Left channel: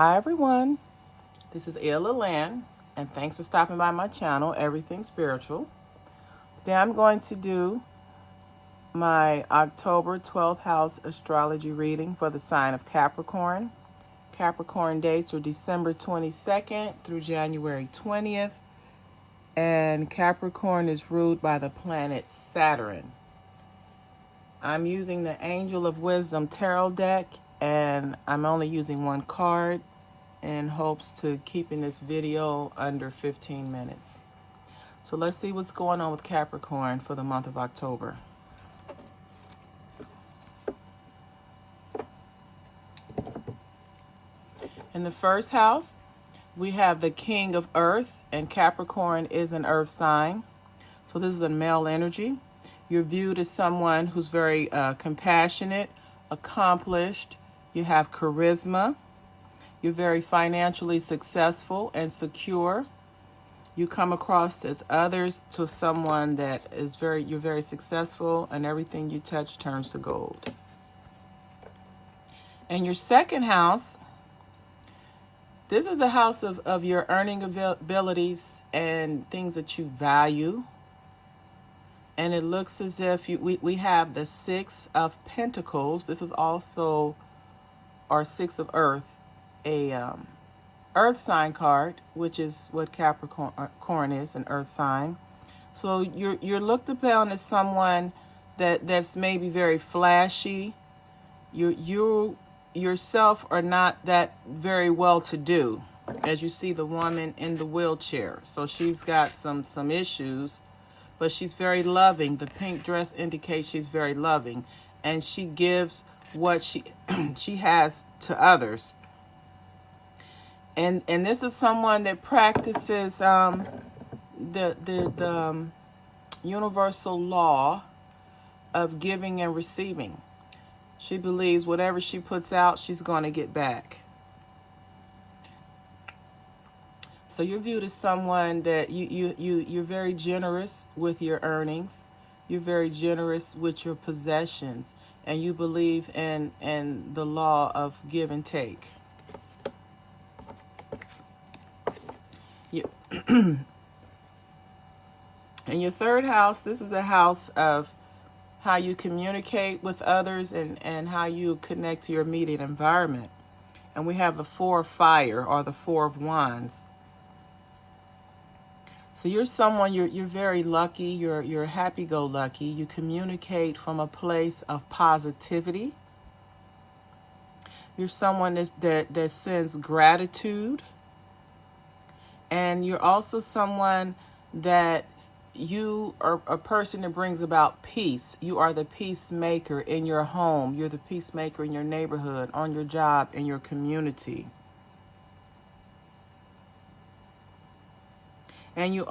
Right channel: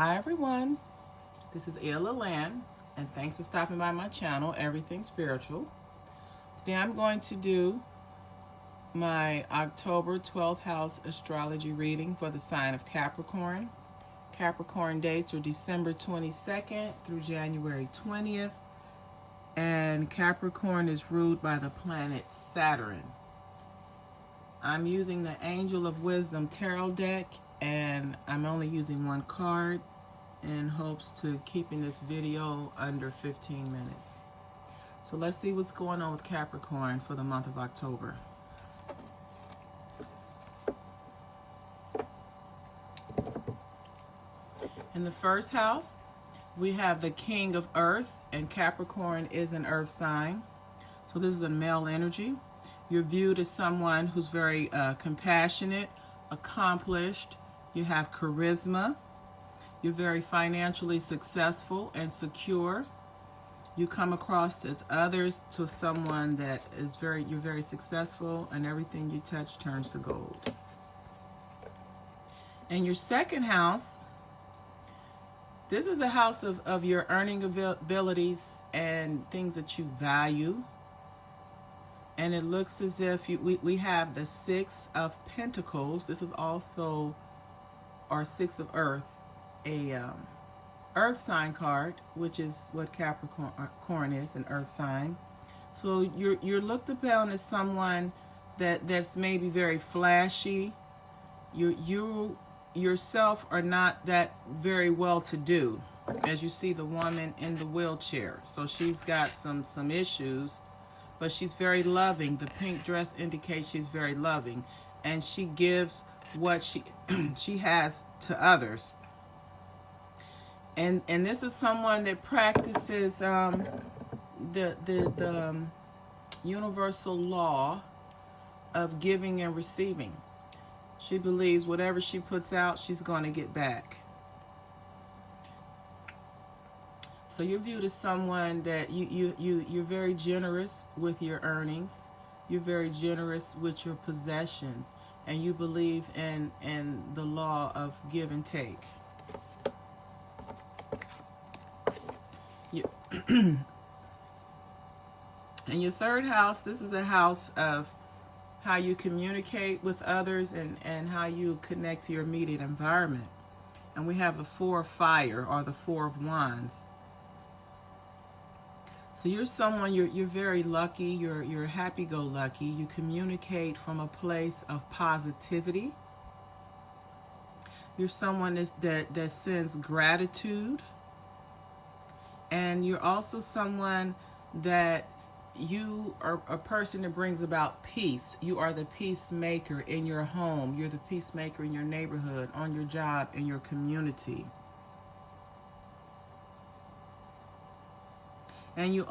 Hi everyone, this is Ayla Land, and thanks for stopping by my channel, Everything Spiritual. Today I'm going to do my October 12th house astrology reading for the sign of Capricorn. Capricorn dates are December 22nd through January 20th, and Capricorn is ruled by the planet Saturn. I'm using the Angel of Wisdom Tarot deck, and I'm only using one card in hopes to keeping this video under 15 minutes. So let's see what's going on with Capricorn for the month of October. In the first house, we have the King of Earth, and Capricorn is an earth sign. So this is a male energy. You're viewed as someone who's very compassionate, accomplished. You have charisma. You're very financially successful and secure. You come across as others to someone that is you're very successful, and everything you touch turns to gold. In your second house, this is a house of your earning abilities and things that you value. And it looks as if we have the Six of Pentacles. This is also our Six of Earth, a earth sign card, which is what Capricorn is, an earth sign. So you're looked upon as someone that's maybe very flashy. You yourself are not that very well to do, as you see the woman in the wheelchair. So she's got some issues, but she's very loving. The pink dress indicates she's very loving, and she gives what she has to others. And this is someone that practices the universal law of giving and receiving. She believes whatever she puts out, she's going to get back. So you're viewed as someone that you're very generous with your earnings. You're very generous with your possessions, and you believe in the law of give and take. In your third house, this is the house of how you communicate with others and how you connect to your immediate environment. And we have the Four of Fire, or the Four of Wands. So you're someone, you're very lucky, you're happy-go-lucky. You communicate from a place of positivity. You're someone that sends gratitude. And you're also someone that you are a person that brings about peace. You are the peacemaker in your home. You're the peacemaker in your neighborhood, on your job, in your community. And you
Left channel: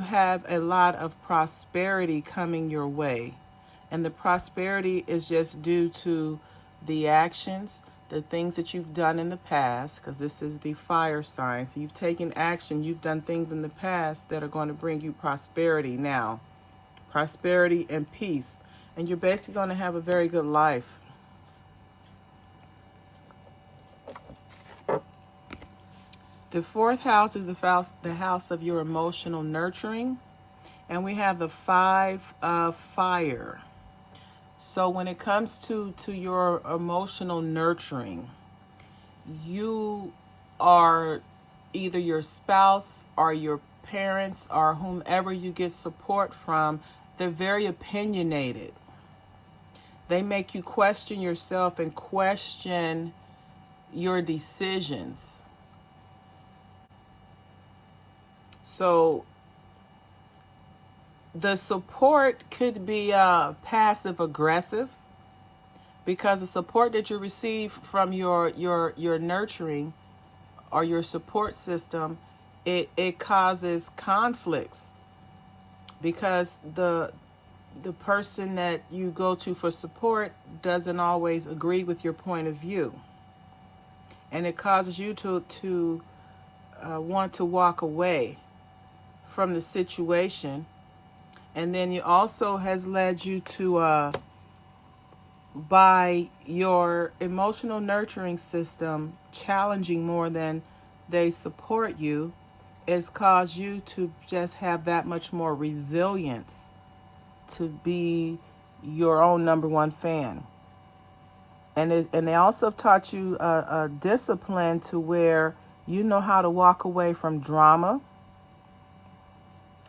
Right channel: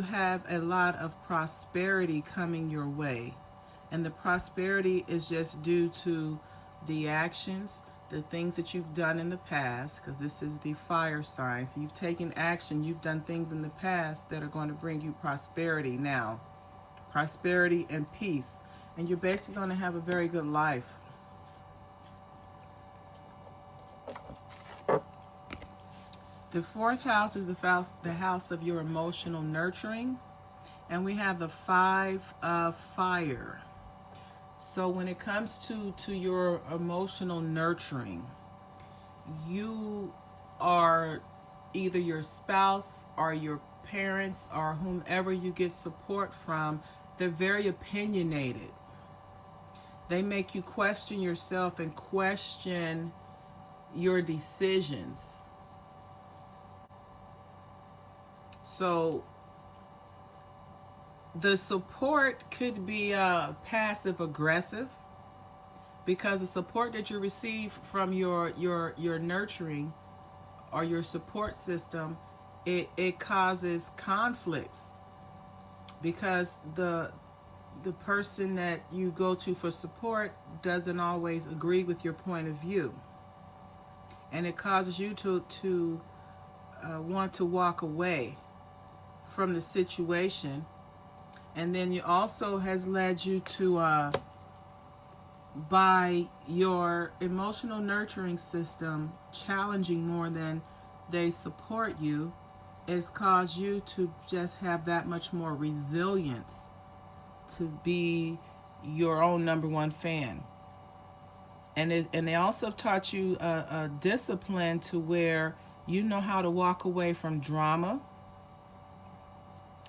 have a lot of prosperity coming your way. And the prosperity is just due to the actions, the things that you've done in the past, because this is the fire sign. So you've taken action, you've done things in the past that are going to bring you prosperity now. Prosperity and peace. And you're basically going to have a very good life. The fourth house is the house of your emotional nurturing. And we have the Five of Fire. So when it comes to your emotional nurturing, you are either your spouse or your parents or whomever you get support from, they're very opinionated. They make you question yourself and question your decisions. So the support could be passive aggressive, because the support that you receive from your nurturing or your support system, it causes conflicts, because the person that you go to for support doesn't always agree with your point of view, and it causes you to want to walk away from the situation. And then it also has led you to by your emotional nurturing system challenging more than they support you, it's caused you to just have that much more resilience to be your own number one fan. And they also have taught you a discipline to where you know how to walk away from drama,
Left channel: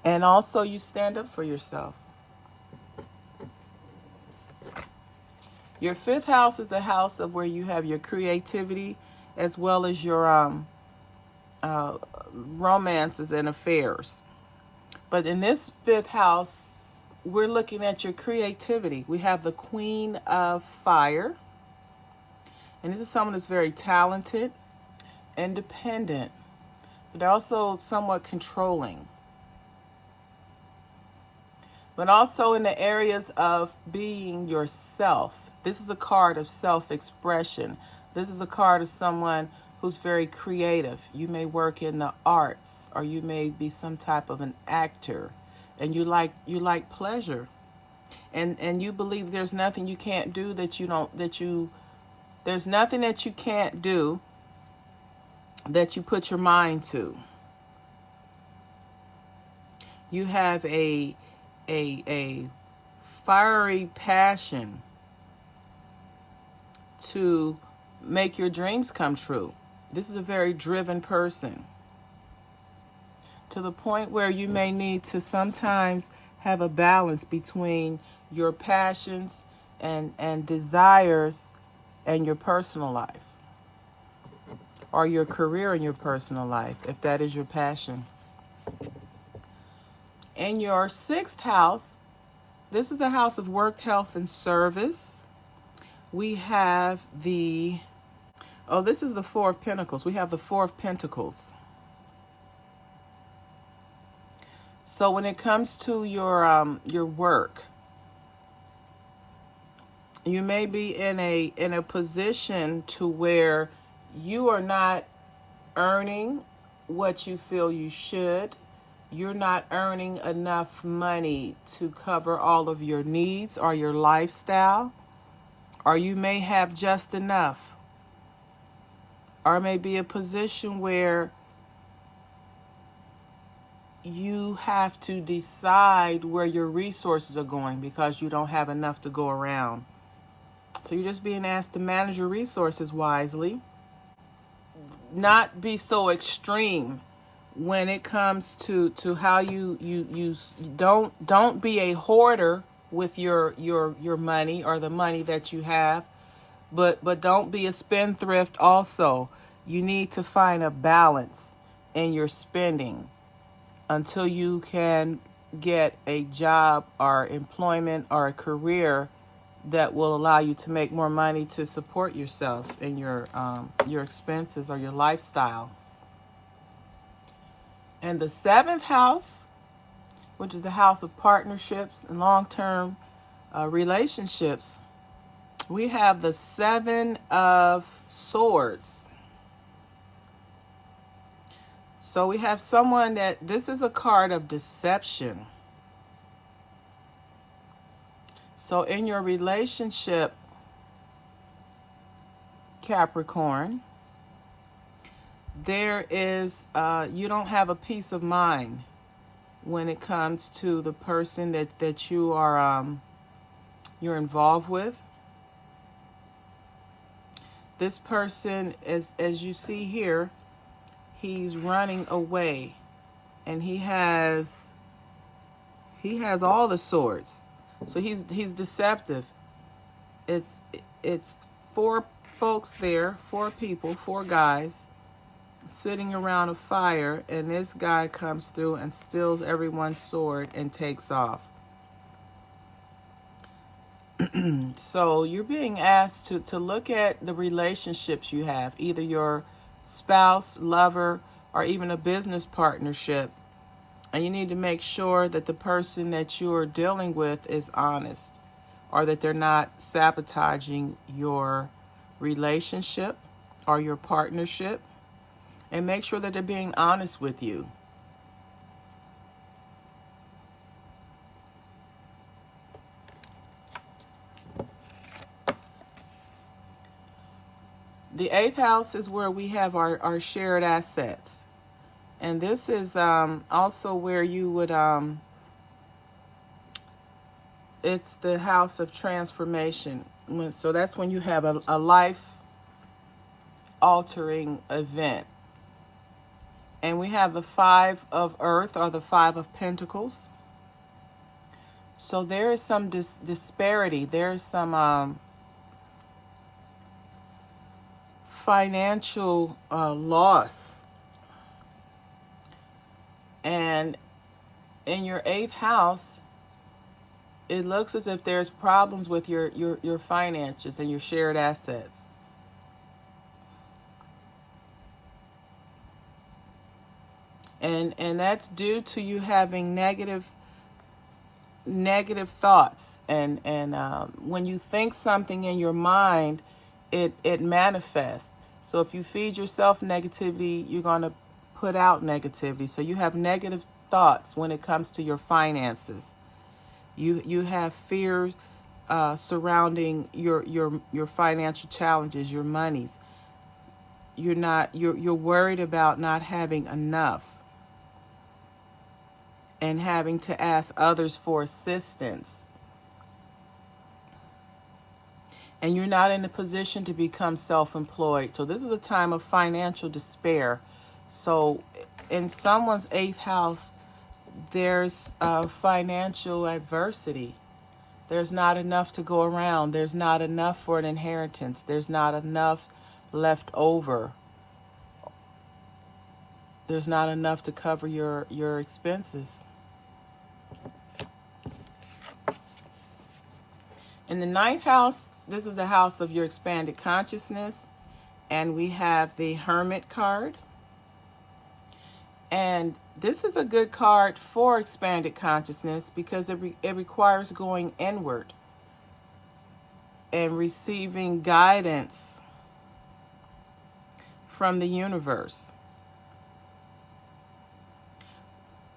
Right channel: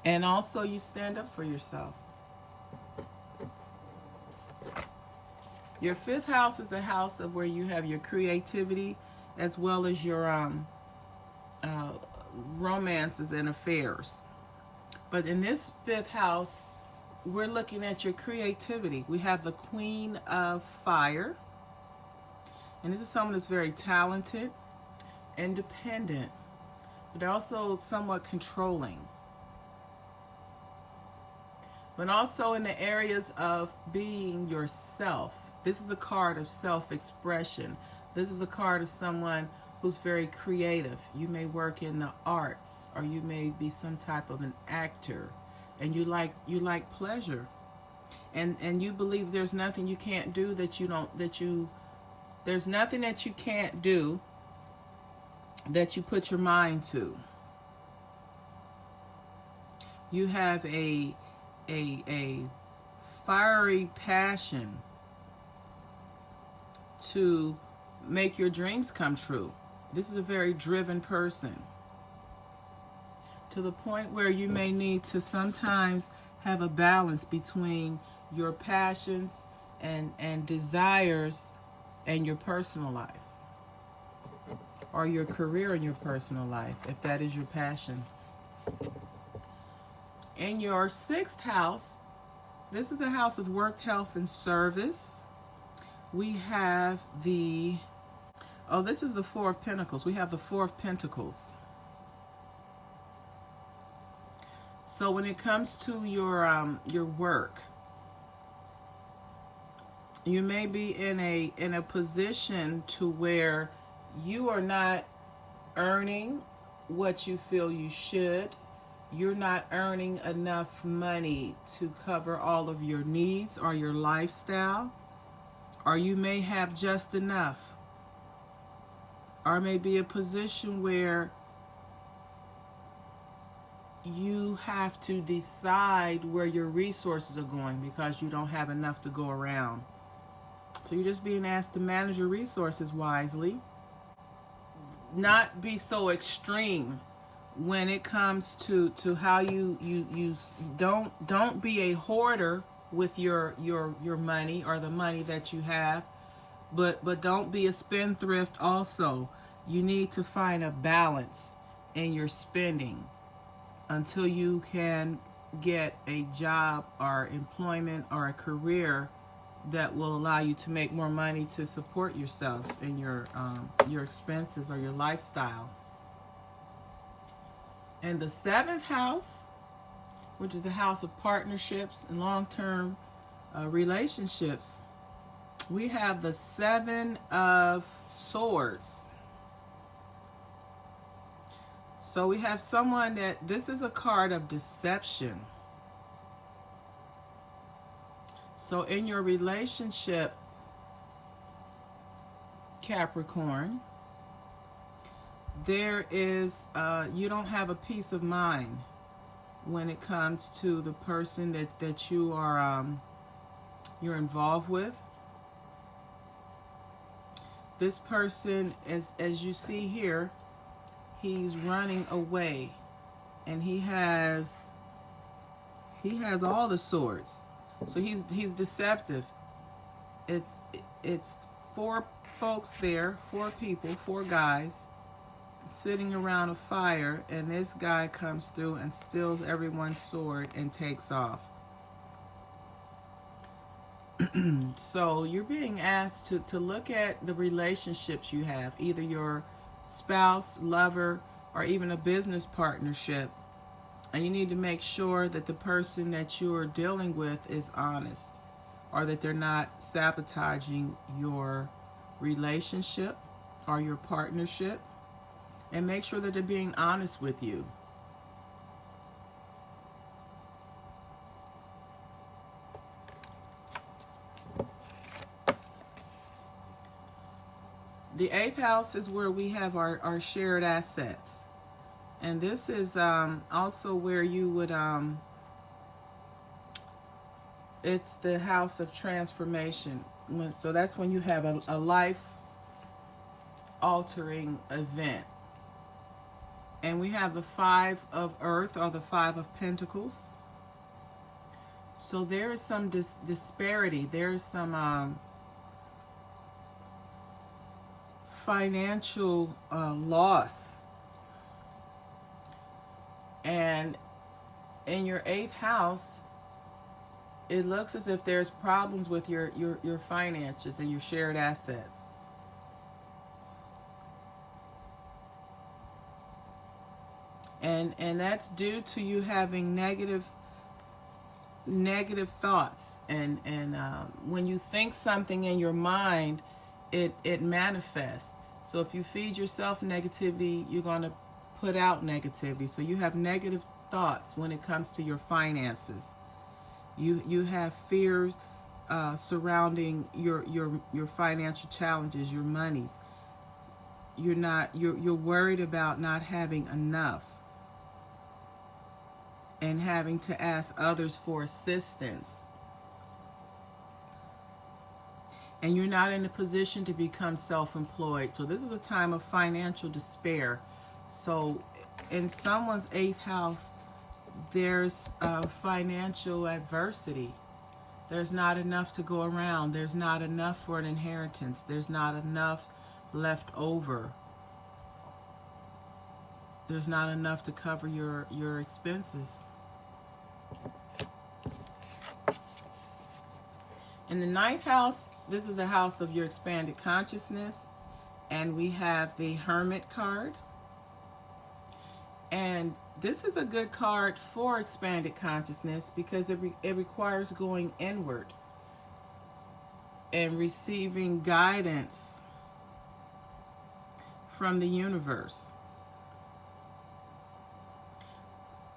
and also you stand up for yourself. Your fifth house is the house of where you have your creativity as well as your romances and affairs. But in this fifth house, we're looking at your creativity. We have the Queen of Fire. And this is someone that's very talented, independent, but also somewhat controlling. But also in the areas of being yourself. This is a card of self-expression. This is a card of someone who's very creative. You may work in the arts, or you may be some type of an actor, and you like pleasure. And you believe there's nothing you can't do there's nothing that you can't do that you put your mind to. You have a fiery passion to make your dreams come true. This is a very driven person, to the point where you may need to sometimes have a balance between your passions and desires and your personal life, or your career and your personal life, if that is your passion. In your sixth house, this is the house of work, health, and service. We have this is the Four of Pentacles. We have the Four of Pentacles. So when it comes to your work, you may be in a position to where you are not earning what you feel you should. You're not earning enough money to cover all of your needs or your lifestyle, or you may have just enough, or may be a position where you have to decide where your resources are going because you don't have enough to go around. So you're just being asked to manage your resources wisely. Not be so extreme when it comes to how you don't be a hoarder with your money or the money that you have, but don't be a spendthrift also. You need to find a balance in your spending until you can get a job or employment or a career that will allow you to make more money to support yourself and your expenses or your lifestyle. And the seventh house, which is the house of partnerships and long-term relationships, we have the Seven of Swords. So we have someone this is a card of deception. So in your relationship, Capricorn, there is, you don't have a peace of mind when it comes to the person that you are, you're involved with. This person, as you see here, he's running away, and he has all the swords. So he's deceptive. It's four folks there, four people, four guys sitting around a fire, and this guy comes through and steals everyone's sword and takes off. So you're being asked to look at the relationships you have, either your spouse, lover, or even a business partnership. And you need to make sure that the person that you are dealing with is honest, or that they're not sabotaging your relationship or your partnership. And make sure that they're being honest with you. The eighth house is where we have our shared assets. And this is also where you would, it's the house of transformation. So that's when you have a life-altering event. And we have the five of earth, or the five of pentacles. So there is some disparity. There's some financial loss. And in your eighth house, it looks as if there's problems with your finances and your shared assets. And that's due to you having negative thoughts. And when you think something in your mind, it manifests. So if you feed yourself negativity, you're going to put out negativity. So you have negative thoughts when it comes to your finances. You have fears surrounding your financial challenges, your monies. You're worried about not having enough and having to ask others for assistance. And you're not in a position to become self-employed. So this is a time of financial despair. So in someone's eighth house, there's financial adversity. There's not enough to go around. There's not enough for an inheritance. There's not enough left over. There's not enough to cover your expenses. In the ninth house, this is the house of your expanded consciousness. And we have the Hermit card. And this is a good card for expanded consciousness because it requires going inward and receiving guidance from the universe,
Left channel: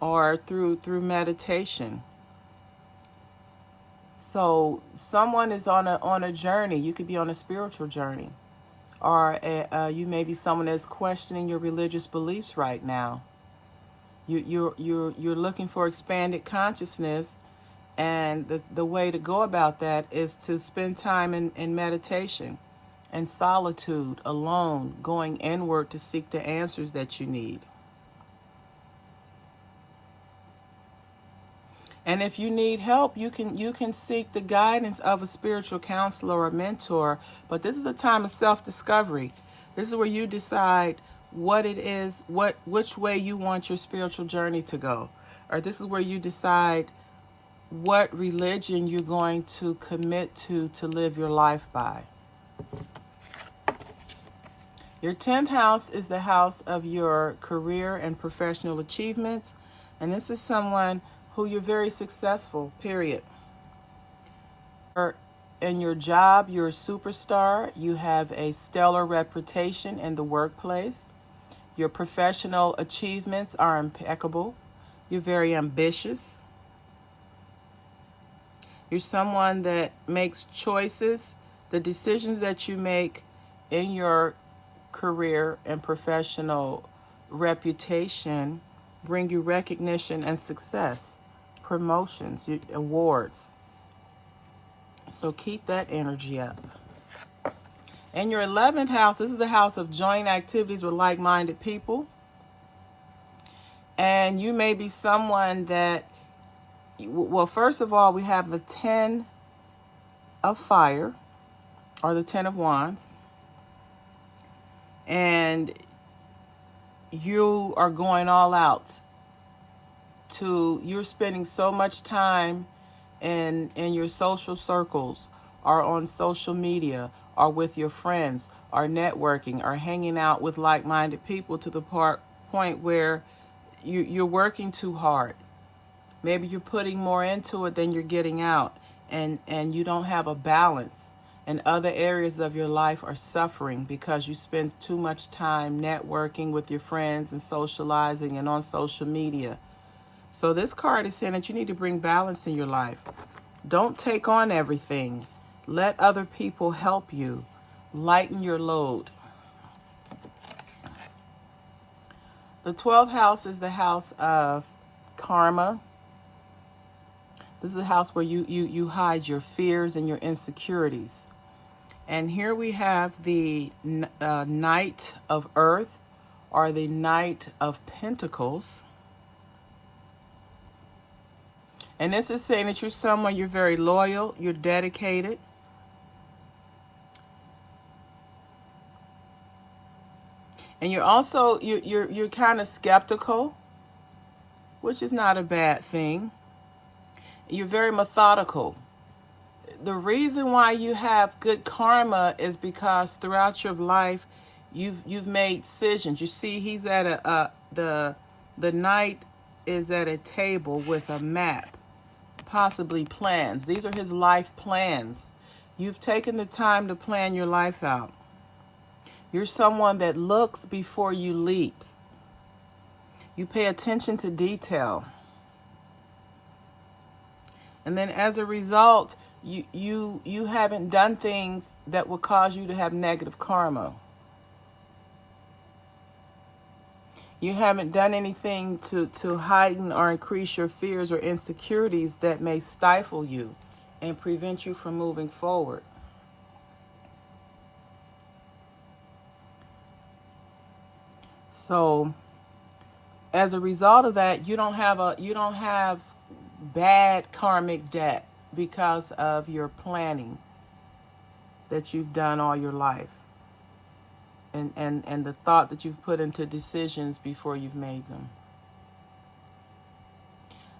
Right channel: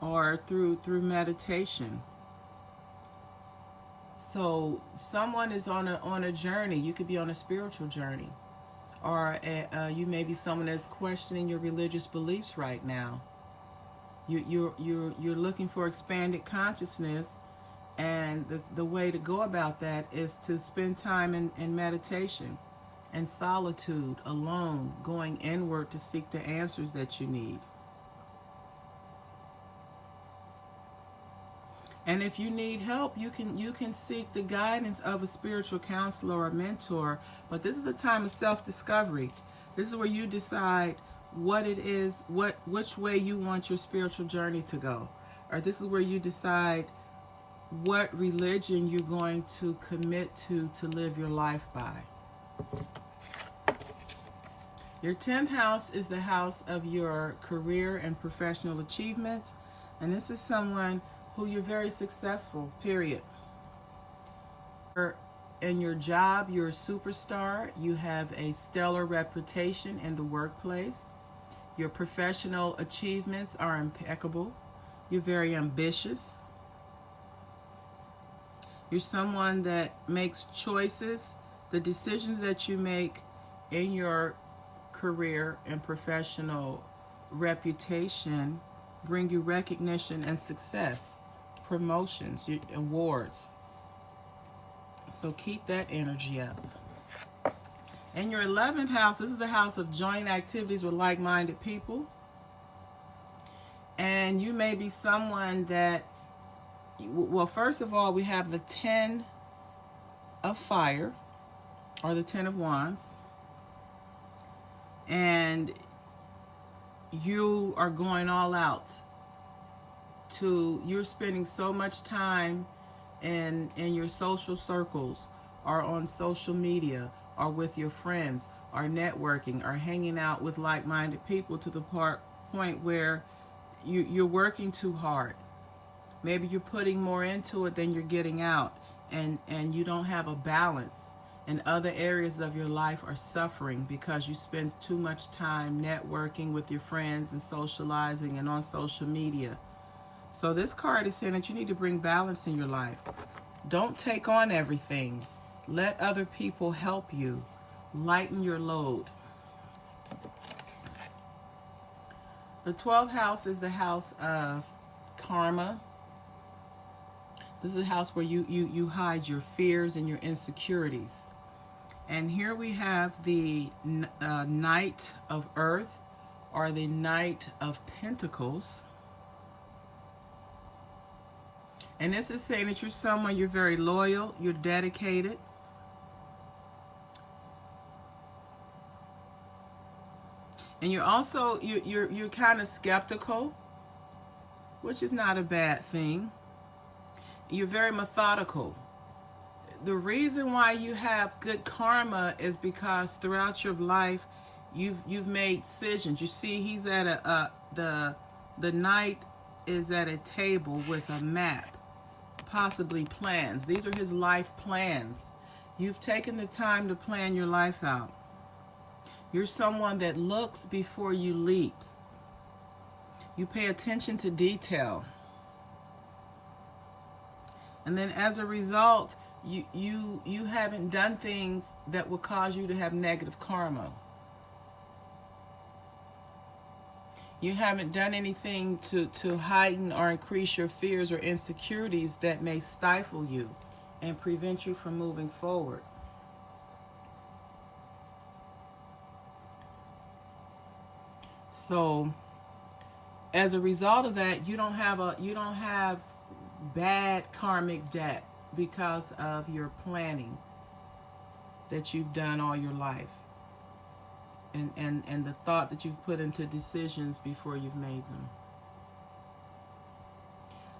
or through meditation. So someone is on a journey. You could be on a spiritual journey, or you may be someone that's questioning your religious beliefs right now. You're looking for expanded consciousness, and the way to go about that is to spend time in meditation and solitude, alone, going inward to seek the answers that you need. And if you need help, you can seek the guidance of a spiritual counselor or a mentor. But this is a time of self-discovery. This is where you decide what it is, which way you want your spiritual journey to go. Or this is where you decide what religion you're going to commit to live your life by. Your 10th house is the house of your career and professional achievements. And this is someone who you're very successful, period. In your job, you're a superstar. You have a stellar reputation in the workplace. Your professional achievements are impeccable. You're very ambitious. You're someone that makes choices. The decisions that you make in your career and professional reputation bring you recognition and success, promotions, awards. So keep that energy up. And your 11th house, this is the house of joint activities with like-minded people. And you may be someone that, well, first of all, we have the 10 of fire, or the 10 of wands. And you are going all out. You're spending so much time in your social circles, or on social media, or with your friends, or networking, or hanging out with like-minded people to the point where you're working too hard. Maybe you're putting more into it than you're getting out, and you don't have a balance. And other areas of your life are suffering because you spend too much time networking with your friends and socializing and on social media. So this card is saying that you need to bring balance in your life. Don't take on everything. Let other people help you. Lighten your load. The 12th house is the house of karma. This is the house where you hide your fears and your insecurities. And here we have the Knight of Earth, or the Knight of Pentacles. And this is saying that you're someone, you're very loyal, you're dedicated. And you're also, you're kind of skeptical, which is not a bad thing. You're very methodical. The reason why you have good karma is because throughout your life, you've made decisions. You see, he's at the knight is at a table with a map, possibly plans. These are his life plans. You've taken the time to plan your life out. You're someone that looks before you leaps. You pay attention to detail. And then as a result, you haven't done things that will cause you to have negative karma. You haven't done anything to heighten or increase your fears or insecurities that may stifle you and prevent you from moving forward. So as a result of that, you don't have bad karmic debt because of your planning that you've done all your life, and the thought that you've put into decisions before you've made them.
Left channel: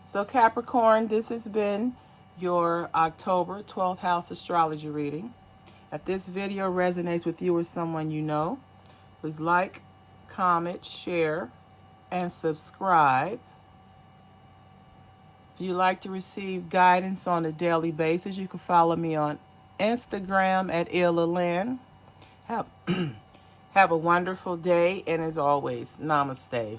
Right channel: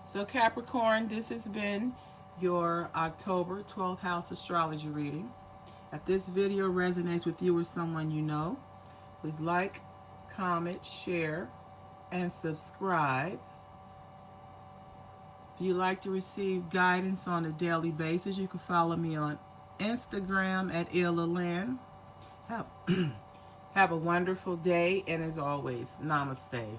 So Capricorn, this has been your October 12th house astrology reading. If this video resonates with you or someone you know, please like, comment, share, and subscribe. If you'd like to receive guidance on a daily basis, you can follow me on Instagram at Illaland. Have a wonderful day, and as always, namaste.